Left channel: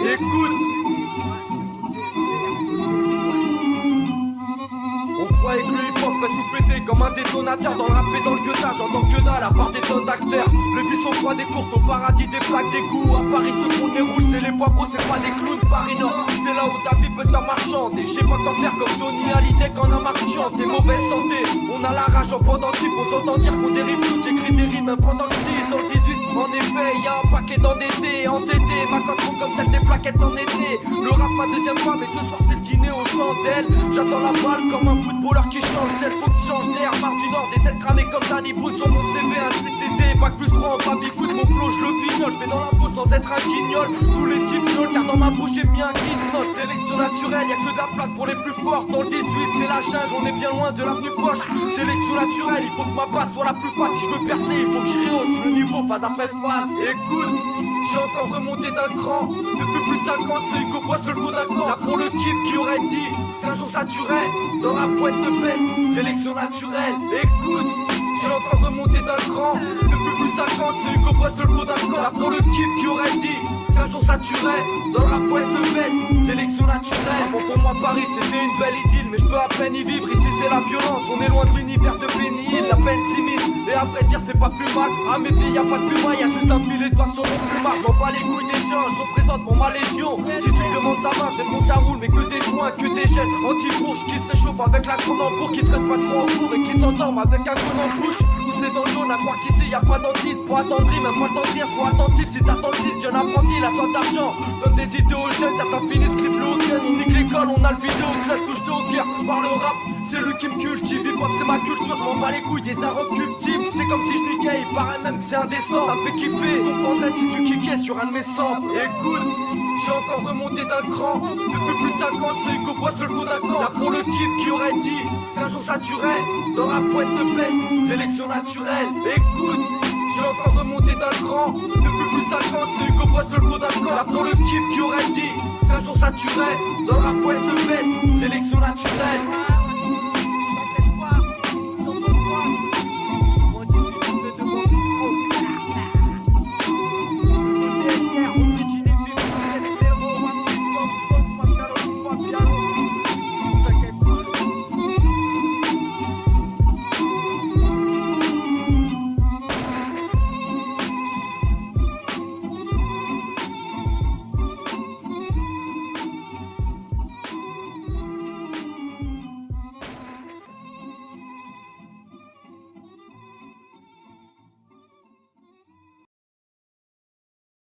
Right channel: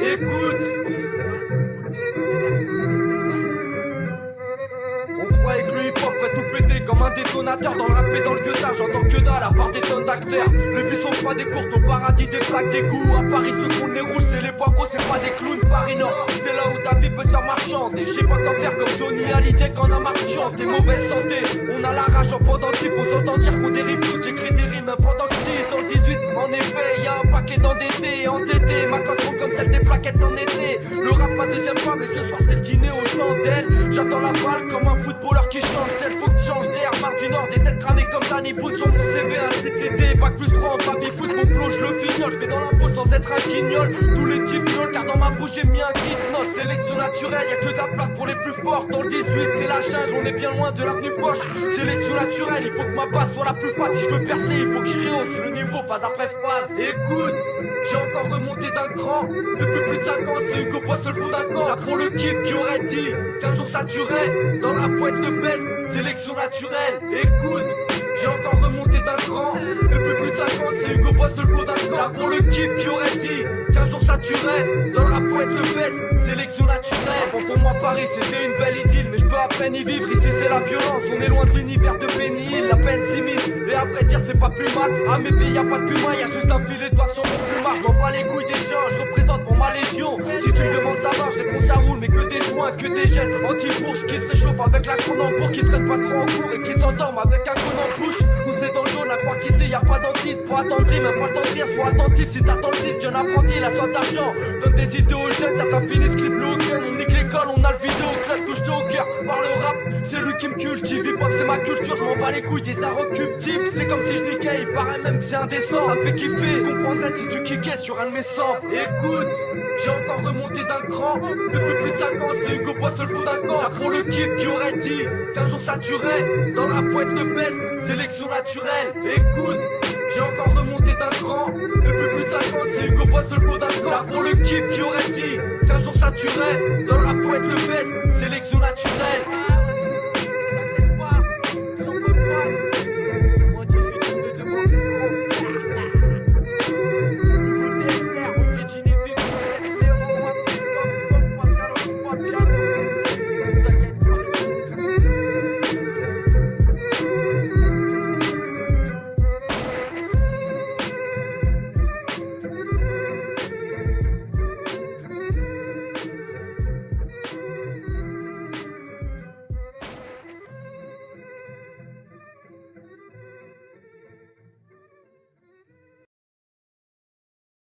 Écoute. On croyait que le hip-hop ferait tout péter comme un détonateur. Dans le rap et dans le gueudage, j'entends que dalle à part des tonnes d'acteurs. Le but sont pas des courtes, au paradis des plaques d'égout. À Paris ceux qu'on les rouges, c'est les poivreaux, c'est pas des clowns. Paris Nord, c'est là où ta vie peut se faire marchande. Et je sais pas quoi faire comme Johnny Hallyday quand on a marchand. T'es mauvaise santé, on a la rage en pendentif. Faut s'entendre dire qu'on dérive tous, j'écris des rimes même pendant que je dis. Dans le 18, en effet, y'a un paquet d'endettés, entêtés. Ma cote comme celle des plaquettes en été. Le rap ma deuxième fois, mais ce soir c'est le dîner aux chandelles. J'attends la balle comme un footballeur qui change d'aile, faut que je change d'air. Marre du Nord, des têtes cramées comme Danny Boone. Sur mon CV, un street CD, bac plus 3 en baby foot. Mon flow, je le fignole, je vais dans l'info sans être un guignol. Tous les types miaulent, car dans ma bouche j'ai mis un guignol. Sélection naturelle, y'a que de la place pour les plus forts. Dans le 18, c'est la jungle, on est bien loin de l'avenue Foch. Sélection naturelle, il faut que ma basse soit la plus fat. Si je veux percer, il faut que je rehausse le niveau phase après phase. Écoute, j'ai encore remonté d'un cran. Depuis plus de 5 ans, c'est Hugo Boss le fou d'un camp. Là pour le kiff qui aurait dit qu'un jour ça tuerait. Dans la boîte de best, sélection naturelle. Écoute, j'ai encore remonté d'un cran. Depuis plus de 5 ans, c'est Hugo Boss le fou d'un camp. Là pour le kiff qui aurait dit qu'un jour ça tuerait. Dans la boîte de best, sélection naturelle. Bon pour moi Paris c'était une belle idylle, mais je peux à peine y vivre. Ici c'est la violence, on est loin de l'univers de Penny Hill. La peine s'immisce, et à vrai dire c'est pas plus mal. À mes pieds y'a pas de puma, y'a juste un filet de bave sur mon plumard. Je m'en bats les couilles des gens, je représente pour ma légion. Si tu me demandes ça va, je réponds ça roule. Mais que des joints, que des gènes anti-bourges qui se réchauffent avec la Cronenbourg, qui traînent pas trop en cours et qui s'endorment avec un con en bouche. Poussé dans le jaune à croire qu'ici y'a pas dentiste. Pour attendrir, même pas le temps de rire, sois attentif si t'attends le disque. Jeune apprenti, la soif d'argent, donne des idées aux jeunes. Certains finissent clip le gun, on nique l'école, on a le vidéo club touché au cœur par le rap. C'est lui qui me cultive, hip hop c'est ma culture, je m'en bats les couilles des inrecuptibles. C'est comme si je niquais, il paraît même que c'est indécent. Ça me fait kiffer, tu comprendrais si tu kickais sur un de mes samples. Écoute, j'ai encore remonté d'un cran. Depuis plus de 5 ans, c'est Hugo Boss le fou d'un camp. Là pour le kiff qui aurait dit qu'un jour ça tuerait. Dans la boîte de best, sélection naturelle. Écoute, j'ai encore remonté d'un cran. Depuis plus de 5 ans, c'est Hugo Boss le fou d'un camp. Là pour le kiff qui aurait dit qu'un jour ça tuerait. Dans la boîte de best, sélection naturelle. T'inquiète pas, j'en peux pas.